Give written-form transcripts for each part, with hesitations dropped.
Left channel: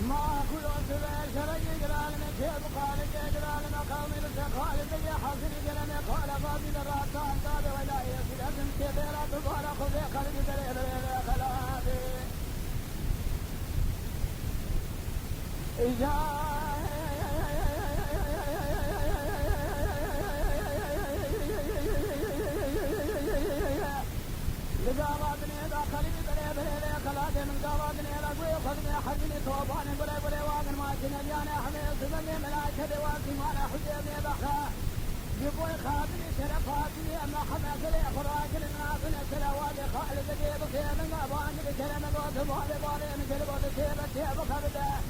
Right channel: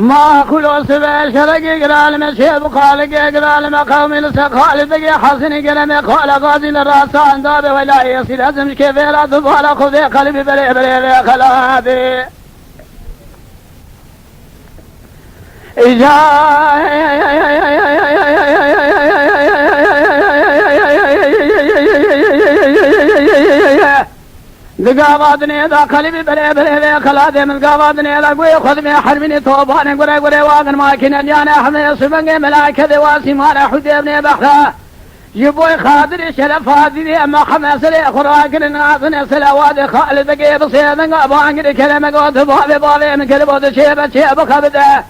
ما كل سبع شرق قرال مسيب قال قرال مقام السقال بقي حسن قلم قال غازي الراس عن داب ولا يصير ازم كيف لا تبال خذ قلبي بلي بلي خلابي دقاباتني ذا قلبي بلي بلي خلادي من قاباتني ذا قوي خذ من حرمني توباني قري قري واقن ماكين الجانا حمي صفنقي ملاكة ذواسي مانا حديبني بحرا يبوي خاطري شرف هادي اما خمسري خراكن ناظن سلاواد خالد بقي بصيدن قابانقري كلمة قوت بابي بابي من كلبوت شيبة خبده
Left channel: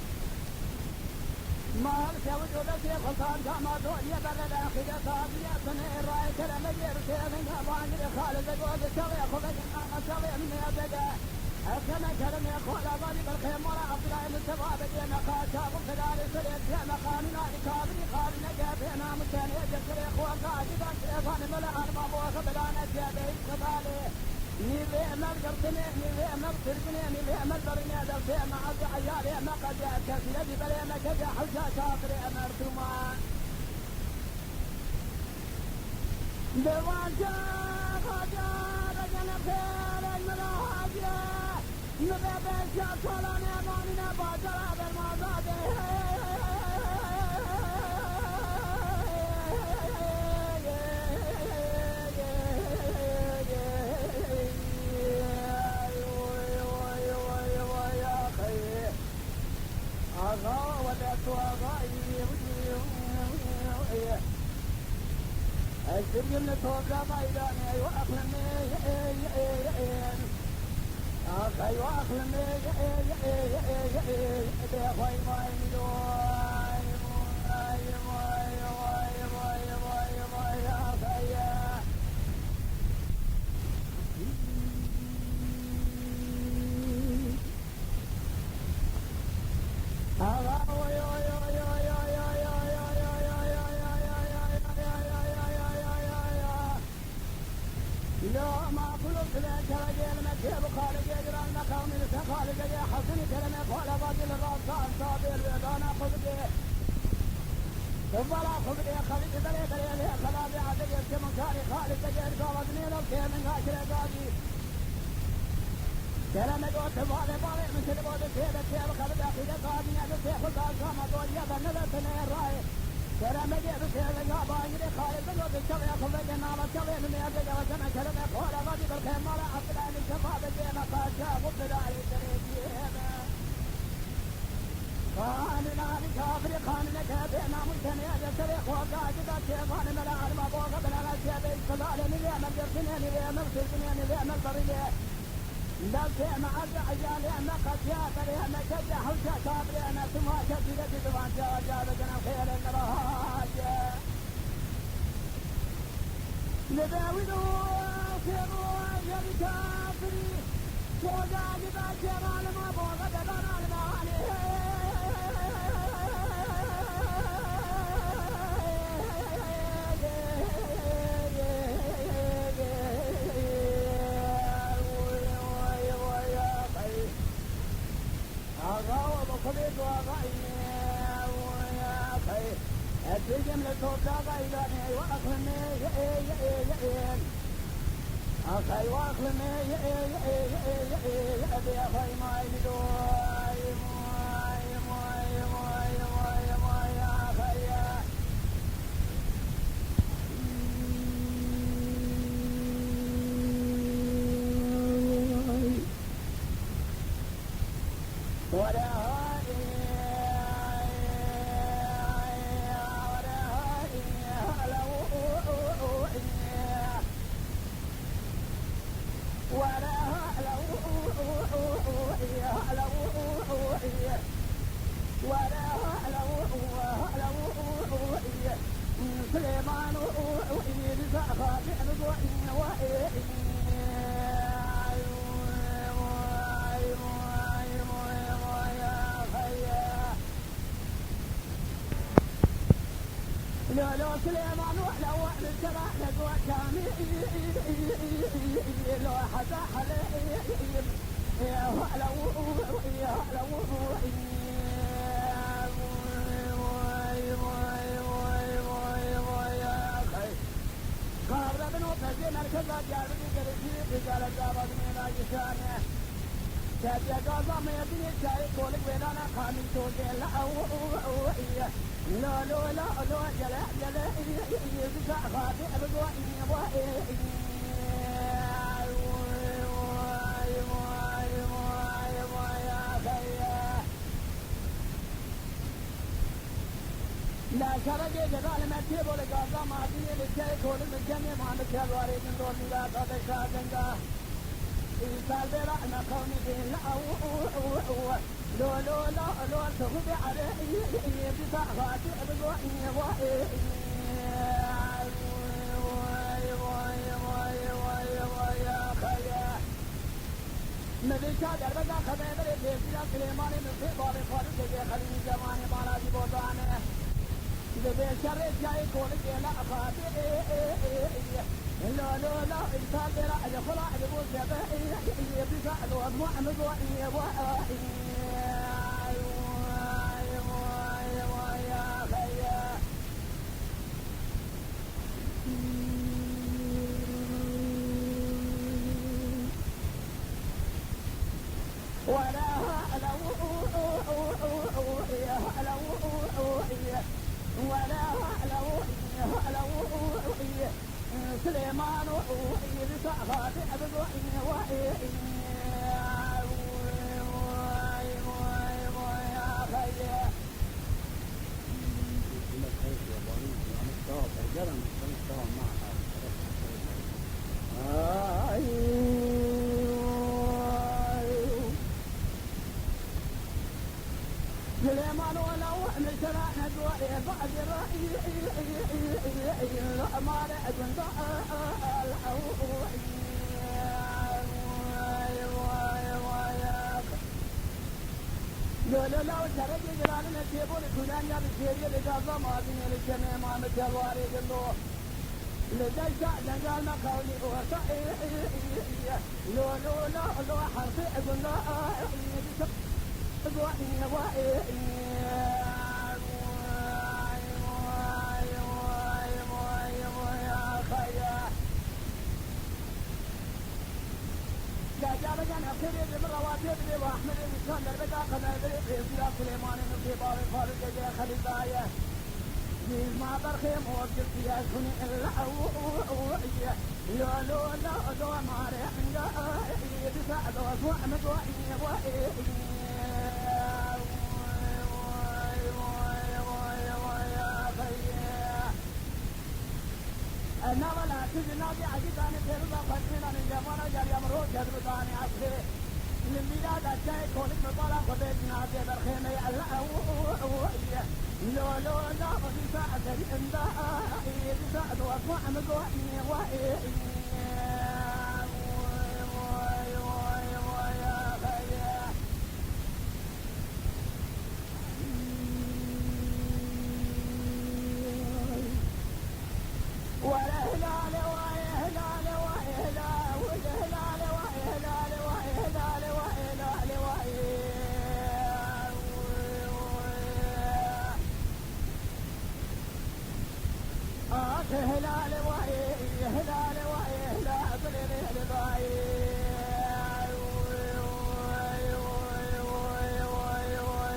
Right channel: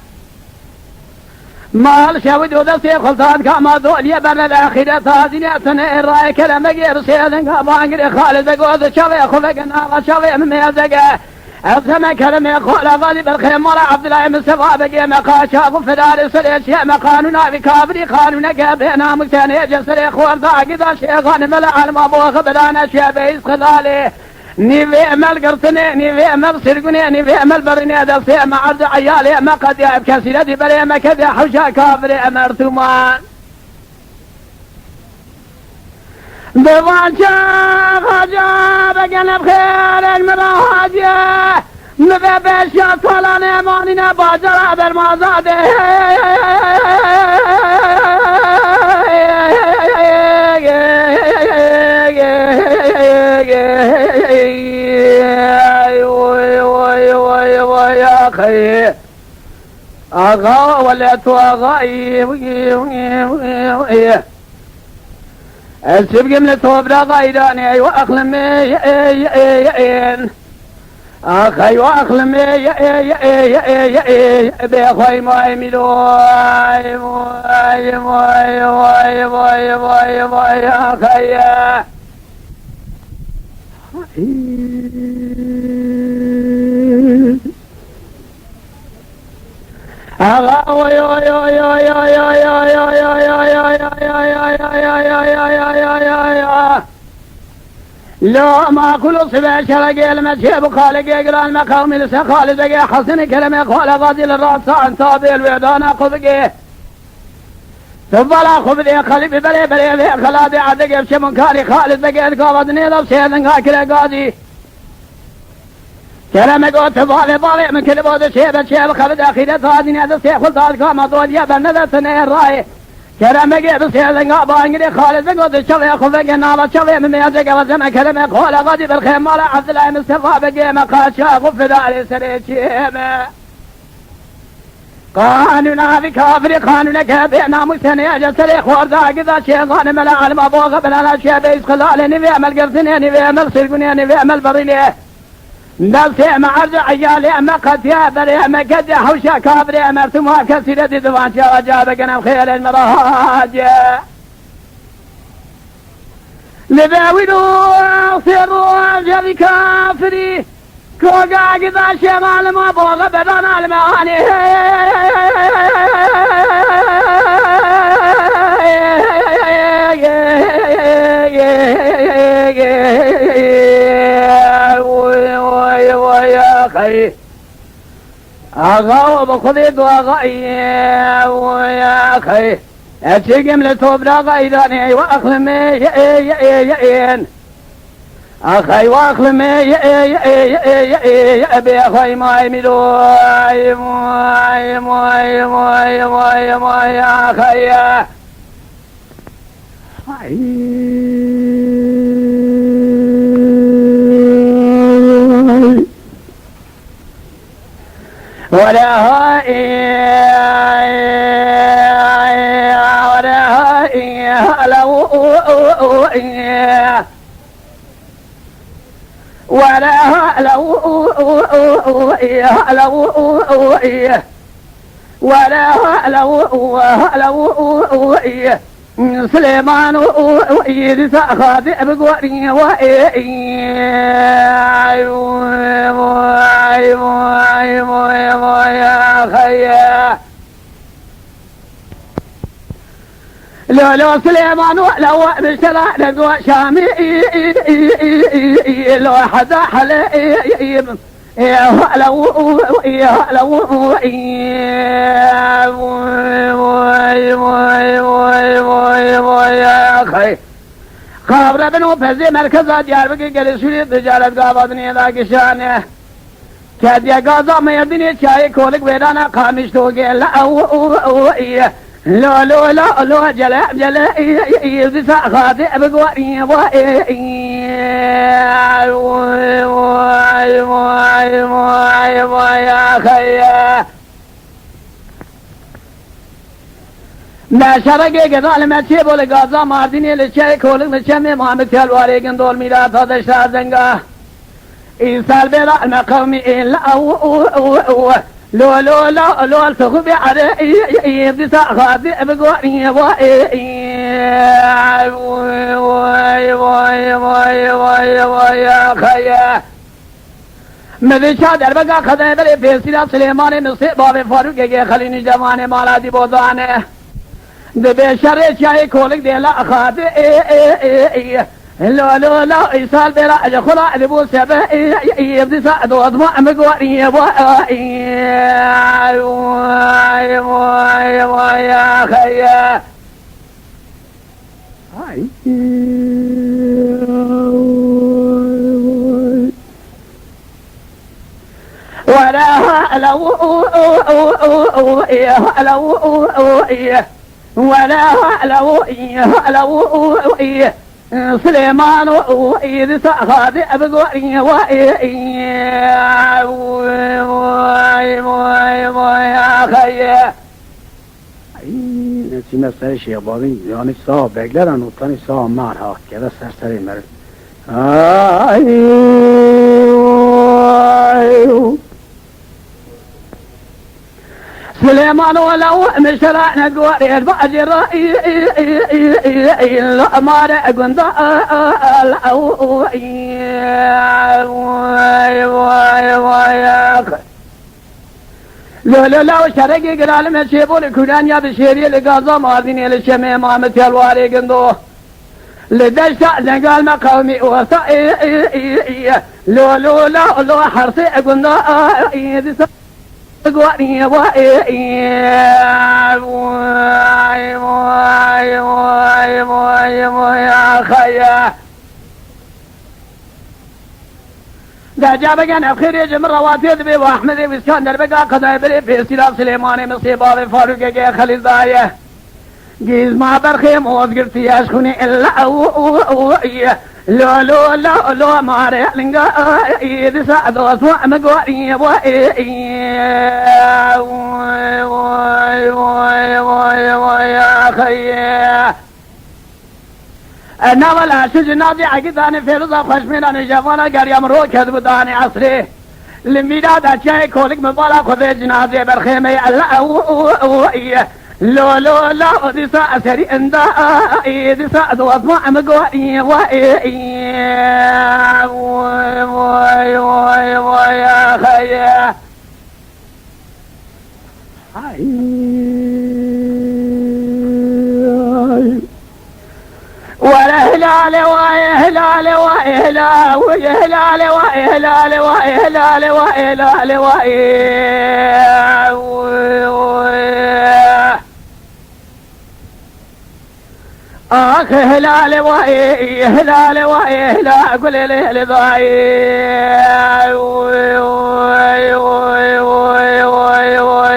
مال شاود ودستي خلطان كاما دوليا برنا الأخيرة تازيني أتنى الرأي كلمة جيب سيدن قابانقري خالد بقوت شوي خفقنا وشوي مميزقه أفهم كلمة قول غالي بالخيمة عبد الله مصطفى بقي مقاشا غفرار سريش يا مقانونا بكابري قانونا قابينا مكتاني جسري خوار ذاقذا شيخان ملع المبوخ بدانا شابيس خلالي نيفي امل قرطني نيفي امل سرقني نيفي امل برني دلسي مع عرض عيالي ما قد يعب كسيرتي بري ما كذا حوشا كابري امرتمان بضانشا خجا بقنا بخير المراهجة نبابشا طلان امانينا باجرا برمازاده أغا وليت أغاي السبق من التوبرا غيراني وأخلمي أخي وأخلمي بأخوي ماي ملوي موي موي موي موي موي موي أخي لا ما كل صبح شرق المسيب خالق يقرأ المقام لسا خالد بقي حسن كلمة قول غادي للرأس عن طابي الوعدان قبقي تفضل خبذي قلبي بلي بلي بلي خلادي عدق بشي منكاري خالد بقي القابضني ذا بسيدن قاكرة قادي كلامك قلت بالي بالي من كل بود شيب خبد أخيرة هذه هذا الشيخ خلطان كما دول يا بنا ثني الرأي كلامك بسير قابانقري خالد قلت شوي خفق النار شوي من يدك وزمع كلامك قول غادي بالخيمة عبد الله مصطفى بقي مقاشا غفر علي سريتشيمه قانونا بكافر قانونك بينا مستني أجسري خوار ذاقذا شيطان ملا المبوغ بلا شيء بيس خلالي نبي عمل قرصني نبي عمل سرقني نبي عمل بريني نفسي مع عيالي أما قد يابري أما قد حوشا كابري أمرتمها كثيرة دوان جاوجابك أنا خير المراج لباولوا سروا جري كافري كوغا قذا شمال ما بوغ بدنا المعاني أغاو بخذي دواغي ويا أخي أتشقم لتوبرا غيراني وأخلمي أخي وأخلمي أبي أخي ماي ملوي موي موي موي موي موي أخي ولا هائي ولا هائي لو ولا لو سليمان وإيد سأخذ بقواني وإيه لو سليمان ولو بشرى لقوا شامي لو حدا حليب يا اخي خابر بنو فزي مركز ديار بقي قال سوري تجارت قابضني ذاك شانه كاديا غازا ما يدني چاي كولك ويرانا خامش تو قال لو لو لو لو جلا يزسا خاطئ بقواري يا خيا ما شرقي قضال ما تيبو لغازا مارديني لشاي كولك لشامي محمد تلواري قندول ميلاد هذا شهر زنقا إنسان بلا المقومي إلا لو لو لو لو التخبي على يبدي خاطئ بقواني يا خيا مذي شادر بقى خذي بلي بيسيلا سليماني نصيب بابي فاروق خليني جواني مالادي بوضاني دبي شري شاي كولك ديلا خاطئ لو لو لو إيصال بلا أجخلا لبو سبه يبدي سعد وضمع مقواني يا خيا ولا لو ولا لو سليمان وإذ سأخذ أبقواني يا خيا نسينا سرشي بابين يعني صاحب بقلر نوطاني صاحب مارها كذا سرسري مرد سليمان ولو مشرعنا قواري الباجر الأمار قندا لو شرقي قرال ما شيبوا لكلان يا بشيري لقازا ماذيني لشمي مامت الواري قندو لدشتا نقال ما قومي وصا لو لو لو لو حرصي قندا قواني يا خيا دا جابقان الخيريج من رواتيد بي واحمد واسكندر بقى قضاء بلي في سلاف سليماني مصيبة فاروق خليل دايه جيز ما برخيم وذكرتي يشخني إلا لو لو لو لو ماري لنقا إذا سعدوا أسمع مقواري يا خيا أنا ولا شجناتي عقداني في رضا خشمنا نجفانا قريم رو كذب داني عصري لميداد أشياء كولك مبالا خذي جنازي برخيمي ألا لو لو لو دي سري اندا دي دو اسمع مقواني يا خيا ولا هلال وهلال وهلال وهلال وهلال وهلال وهلال آخ هلال وهي هلال وهي هلال قل لي لضاي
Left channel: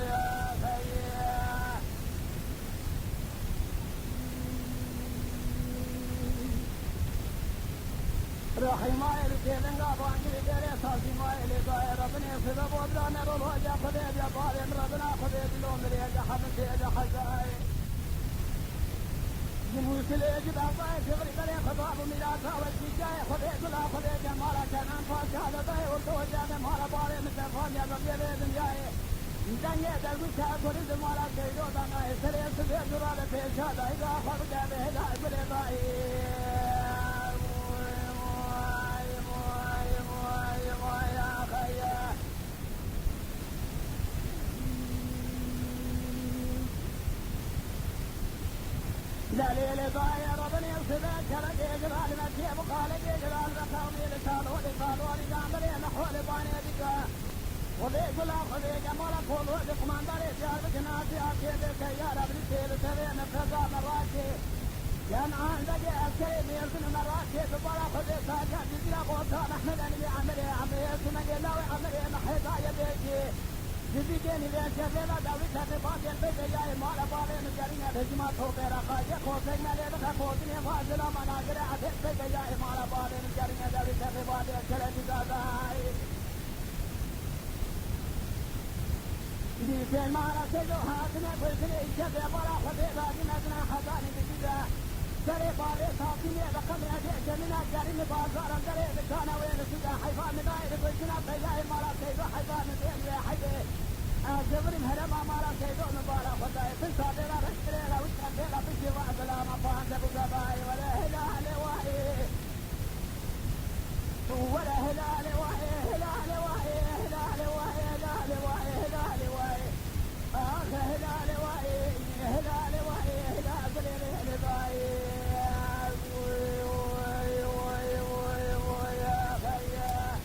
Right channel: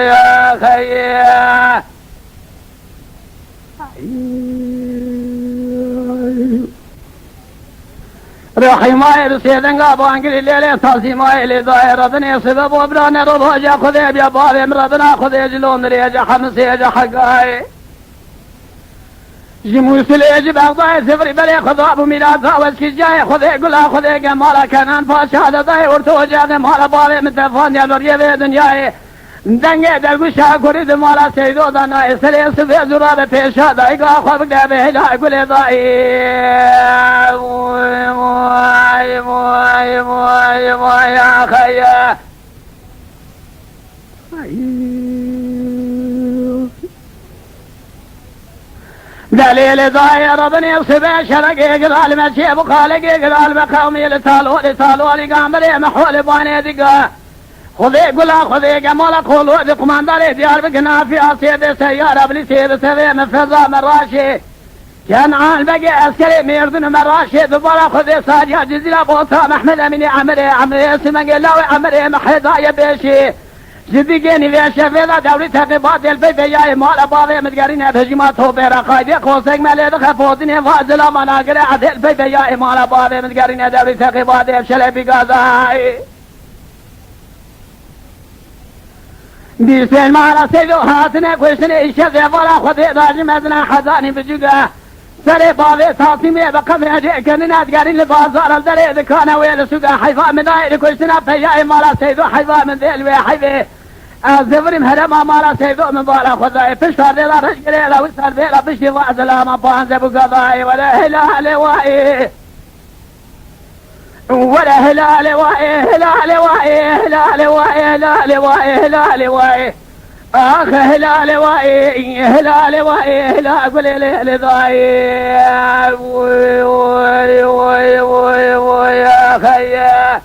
يا خيا روحي ما يرسيدن قابو انقل الليلة تاسي ما يلي ضاي ربني سبب وبراني رضوجا خذي بيا بابي مرضنا خذي جلون ريجا خمسي جا حقاي جموس اليجب أغضاء سفري بلي خذاب ميلاد فاوز كجاي خذي قلا خذي قمالا كانان فاش هذا ضاي ورتوجا مالا بابي متفان يا نوريه في دنياي دنگه دلگوشا کرید مالا سیدو دانای سلی سفی زراب پیشا دایگا خواب گبه هلا گل دایی موی آخیا دليل ضاير بني وسبع شرق يقرال مشيب وخالق يقرال بقومي لتالولي قامري محول باني دقا خذي قلا خذي قمولا قولوا دي قمانداري ديار بقنا في أصيد سيارة بلسيد سبي من فضا من راشي كان عال بقي عسكري ميردن من راشي دبارا خذي ساجا جزيلا بوطا محمد أميني عمري اسمه قلاوي عمري محيطا يبيشي جديقيني في الشفيدة دوري تقيبات البيت جاي مالا باضي متقارين بهجمات هو بيرا قايدي قوسك مالي دخفوتني فازلا مناقري عدي البيت جاي مالا باضي متقارين دوري تقيبات بشلي بقاضاي بيسين مالا سيدو هاتني كوشني الشفي فلا خذي داجي مدنا حزاني بجوغا سري باضي تاطيمي بقمي جيكننا تقارين لبازار الدري ذكانا ويل سوغا حيفا من دايري كوشنا فياي مالا سيدو حيفا من ذيل ويحيفي الزفر مهرما مالا سيدو من بالا خذاي بشتر ديلا رشقري لا وستر بيلا بشتي وعزلا ما بانزي بقضاي ولا هلال وائي ولا هلال وائي هلال وائي هلال وائي هلال وائي هلال وائي آخ هلال وائي هلال وائي هلال قولي لي ضاي وي وي وي وي وي يا خي يا